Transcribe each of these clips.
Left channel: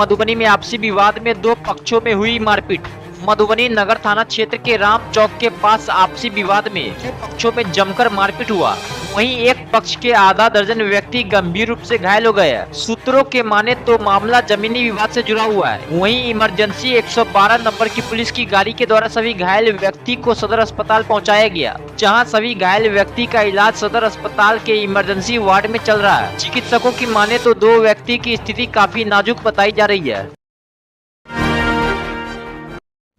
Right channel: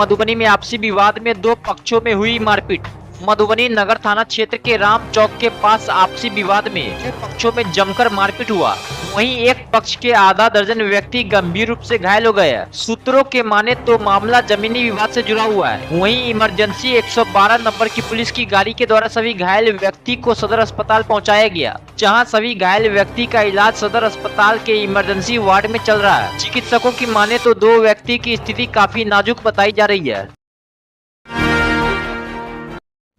मधुबनी में आपसी विवाद में दो पक्षों में हुई मारपीट। मधुबनी नगर थाना क्षेत्र के राम चौक के पास आपसी विवाद में दो पक्षों में जमकर मारपीट हुआ। वहीं एक पक्ष के आधा दर्जन व्यक्ति गंभीर रूप से घायल हो गए। सूत्रों के माने तो मामला जमीनी विवाद से जुड़ा हुआ है। वहीं इमरजेंसी 112 नंबर की पुलिस की गाड़ी के द्वारा सभी घायल व्यक्ति को सदर अस्पताल पहुंचाया गया, जहां सभी घायल व्यक्ति का इलाज सदर अस्पताल के इमरजेंसी वार्ड में चल रहा है। चिकित्सकों की माने तो दो व्यक्ति की स्थिति काफी नाजुक बताई जा रही है।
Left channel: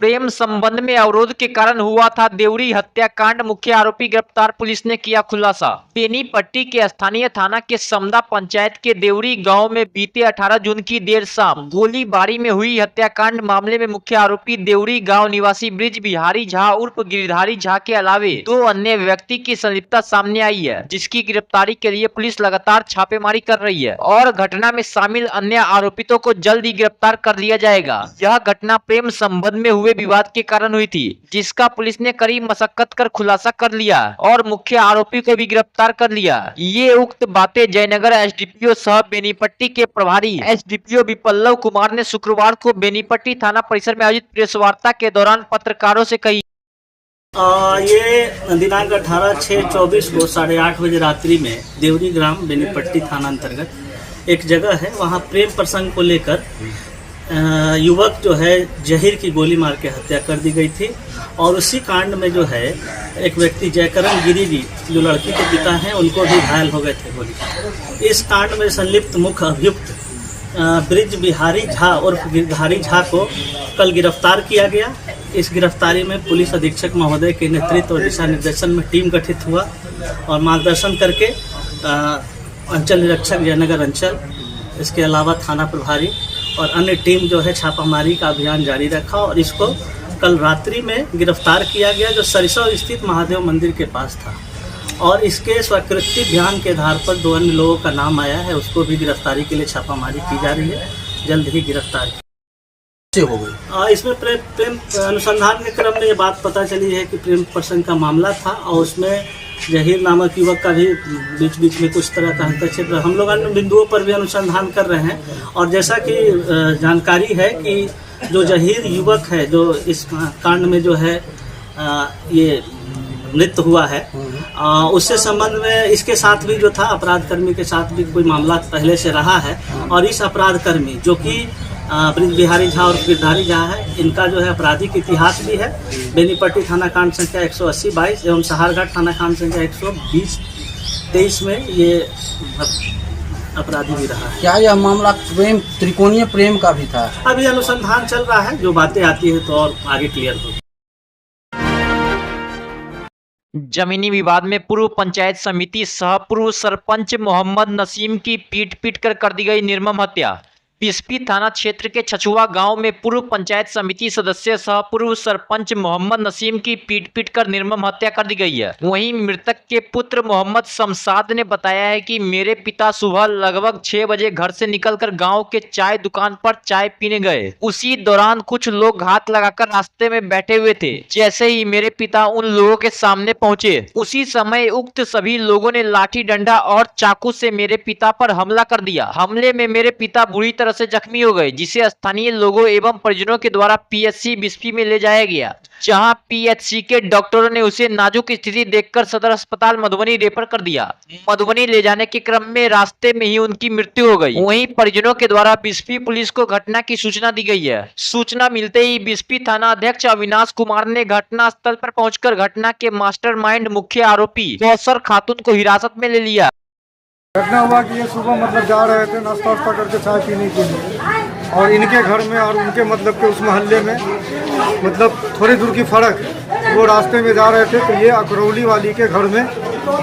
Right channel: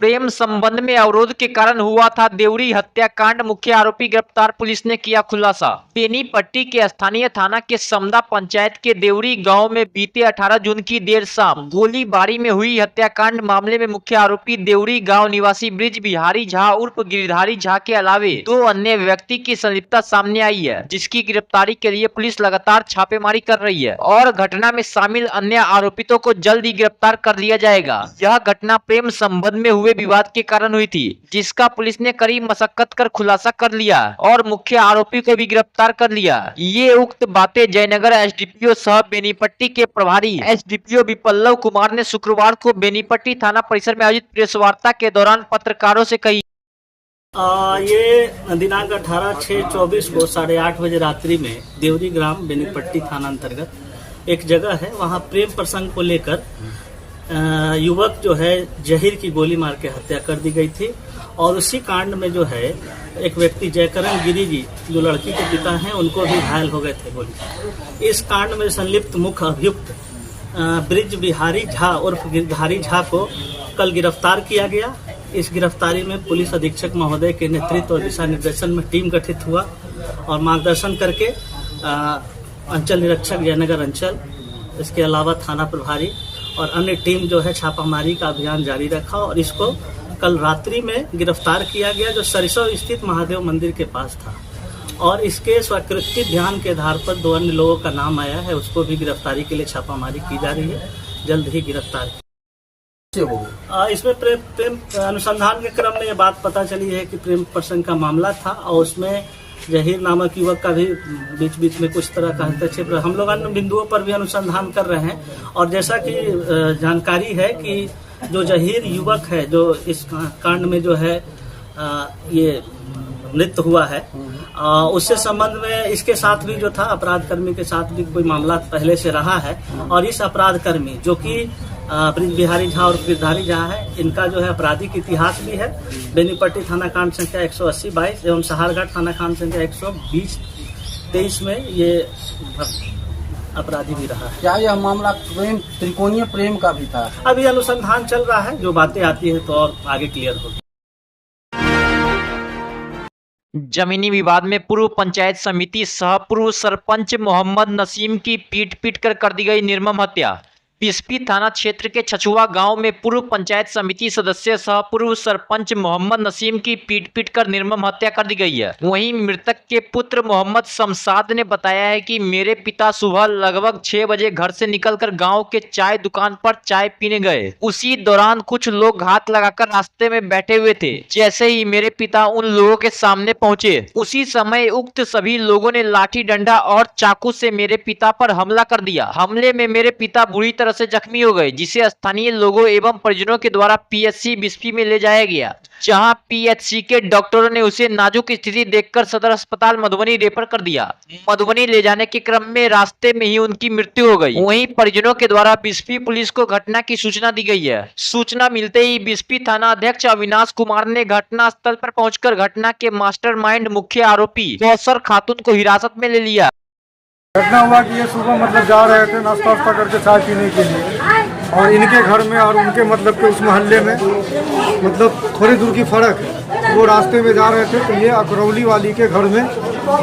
प्रेम संबंध में अवरोध के कारण हुआ था देवरी हत्याकांड, मुख्य आरोपी गिरफ्तार, पुलिस ने किया खुलासा। बेनीपट्टी के स्थानीय थाना के समदा पंचायत के देवरी गांव में बीते 18 जून की देर शाम गोलीबारी में हुई हत्याकांड मामले में मुख्य आरोपी देवरी गांव निवासी ब्रिज बिहारी झा उर्फ गिरधारी झा के अलावे दो अन्य व्यक्ति की संलिप्तता सामने आई है, जिसकी गिरफ्तारी के लिए पुलिस लगातार छापेमारी कर रही है और घटना में शामिल अन्य आरोपितों को जल्द ही गिरफ्तार कर लिया जाएगा। यह घटना प्रेम संबंध में हुए विवाद के कारण हुई थी, जिसका पुलिस ने कड़ी मशक्कत कर खुलासा कर लिया और मुख्य आरोपी को भी गिरफ्तार कर लिया। ये उक्त बातें जयनगर एसडीपीओ सह बेनीपट्टी के प्रभारी एसडीपीओ विपल्लव कुमार ने शुक्रवार को बेनीपट्टी थाना परिसर में आयोजित प्रेस वार्ता के दौरान पत्रकारों से कही। ये दिनांक 18/6/24 को 8:30 बजे रात्रि में देवरी ग्राम बेनीपट्टी थाना अंतर्गत एक जगह है, वहाँ प्रेम प्रसंग को लेकर युवक जो है जहीर की गोली मार के हत्या कर दी गई थी और उसी कांड में जो है एक व्यक्ति जयकरण गिरी भी जो लड़की के पिता हैं उनको भी घायल हो गए थे गोली। इस कांड में संलिप्त मुख्य अभियुक्त ब्रिज बिहारी झा उर्फ गिरधारी झा को कल गिरफ्तार किया गया। इस गिरफ्तारी में पुलिस अधीक्षक महोदय के नेतृत्व और दिशा निर्देशन में टीम गठित हुआ और मार्गदर्शन करके अंचल निरीक्षक जयनगर अंचल, इसके अलावा थाना प्रभारी और अन्य टीम जो है छापामारी का अभियान जारी रखा और इसको कल रात्रि में गिरफ्तार किया गया, जो सरिसव स्थित महादेव मंदिर के पास था और इसके स्वीकृति बयान के आधार पर दो अन्य लोगों का नाम आया है, उसको भी गिरफ्तारी के लिए छापामारी की जा रही है, जल्द ही गिरफ्तार हो गई। इसमें प्रेम अनुसंधान के क्रम में ये बात पता चली है कि प्रेम प्रसंग का मामला था और उसमें जहीर नामक युवक का भी बीच बीच में कुछ तरह का हस्तक्षेप। हम लोग अन्य बिंदुओं पर भी अनुसंधान कर रहे हैं और जैसा कि जानकारी है कि जो जहीर युवक है जो इस कांड में जो है ये मृत्यु हुआ है, उससे संबंध में इसके साथ भी जो था अपराध कर्मी के साथ भी कोई मामला पहले से रहा है और इस अपराध कर्मी जो कि ब्रिज बिहारी झा और गिरधारी झा है, इनका जो है आपराधिक इतिहास भी है। बेनीपट्टी थाना कांड संख्या 180/22 एवं सहारघाट थाना कांड संख्या 120/23 में ये अपराधी भी रहा है। क्या यह मामला प्रेम त्रिकोणीय प्रेम का भी था? अभी अनुसंधान चल रहा है, जो बातें आती हैं तो और आगे क्लियर होगी। जमीनी विवाद में पूर्व पंचायत समिति सह पूर्व सरपंच मोहम्मद नसीम की पीट कर दी गई निर्मम हत्या। पिस्पी थाना क्षेत्र के छछुआ गांव में पूर्व पंचायत समिति सदस्य सह पूर्व सरपंच मोहम्मद नसीम की पीट कर निर्मम हत्या कर दी गई है। वहीं मृतक के पुत्र मोहम्मद शमशाद ने बताया है कि मेरे पिता सुबह लगभग 6 बजे घर से निकलकर गांव के चाय दुकान पर चाय पीने गए। उसी दौरान कुछ लोग घात लगाकर रास्ते में बैठे हुए थे। जैसे ही मेरे पिता उन लोगों के सामने पहुंचे, उसी समय उक्त सभी लोगों ने लाठी डंडा और चाकू से मेरे पिता पर हमला कर दिया। हमले में मेरे पिता बुरी तरह से जख्मी हो गए, जिसे स्थानीय लोगों एवं परिजनों के द्वारा पीएचसी बिस्फी में ले जाया गया, जहां पीएचसी के डॉक्टरों ने उसे नाजुक स्थिति देखकर सदर अस्पताल मधुबनी रेफर कर दिया। मधुबनी ले जाने के क्रम में रास्ते में ही उनकी मृत्यु हो गई। वहीं परिजनों के द्वारा बिस्फी पुलिस को घटना की सूचना दी गई है। सूचना मिलते ही बिस्फी थाना अध्यक्ष अविनाश कुमार ने घटना स्थल पर पहुंचकर घटना के मास्टरमाइंड मुख्य आरोपी कौसर खातून को हिरासत में ले लिया। घटना हुआ कि ये सुबह मतलब जा रहे थे नाश्ता वास्ता करके चाय पीने के लिए और इनके घर में और उनके मतलब के उस मोहल्ले में मतलब थोड़ी दूर की फर्क है। वो रास्ते में जा रहे थे तो ये अकरौली वाली के घर में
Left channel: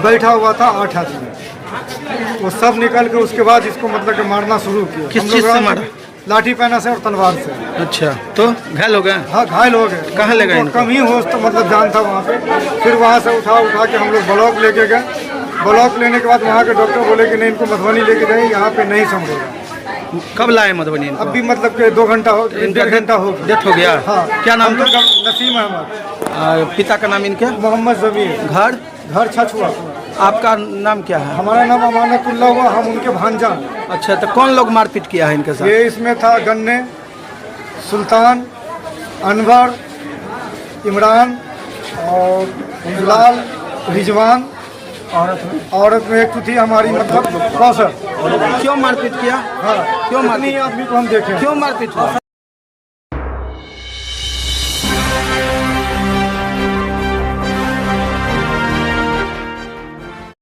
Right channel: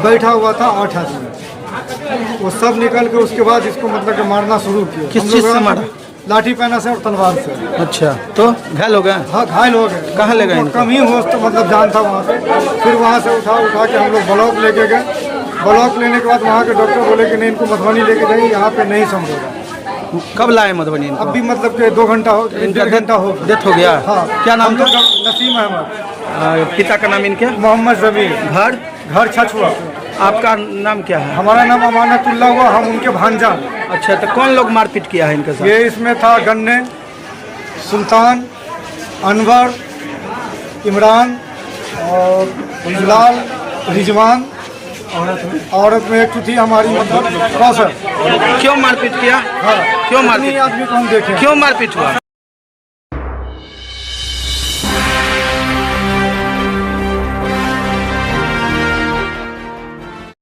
बैठा हुआ था 8 आदमी। वो सब निकल के उसके बाद इसको मतलब के मारना शुरू किया। किस चीज से मारा? लाठी पैना से और तलवार से। अच्छा, तो घायल हो गए? हाँ, घायल हो गए। कहाँ ले गए? कम ही होश तो मतलब जान था वहाँ पे। फिर वहाँ से उठा के हम लोग ब्लॉक लेके गए। ब्लॉक लेने के बाद वहाँ के डॉक्टर बोले कि नहीं, इनको मधुबनी लेके जाइए, यहाँ पे नहीं संभलेगा। कब लाए मधुबनी इनको? अभी मतलब के 2 घंटा हो, 1.5 घंटा हो। डेथ हो गया? हाँ। क्या नाम था? नसीम अहमद। पिता का नाम इनके? मोहम्मद जमीर। घर छछुआ। आपका नाम क्या है? हमारा नाम अमानतुल्लाह हुआ, हम उनके भांजा हैं। अच्छा, तो कौन लोग मारपीट किया है इनके साथ? ये इसमें था गन्ने, सुल्तान, अनवर, इमरान और बिलाल, रिजवान। औरत में एक थी हमारी मतलब कौसर। क्यों मारपीट किया? हाँ, क्यों इतनी मारपीट? आदमी को हम देखे। क्यों मारपीट हुआ?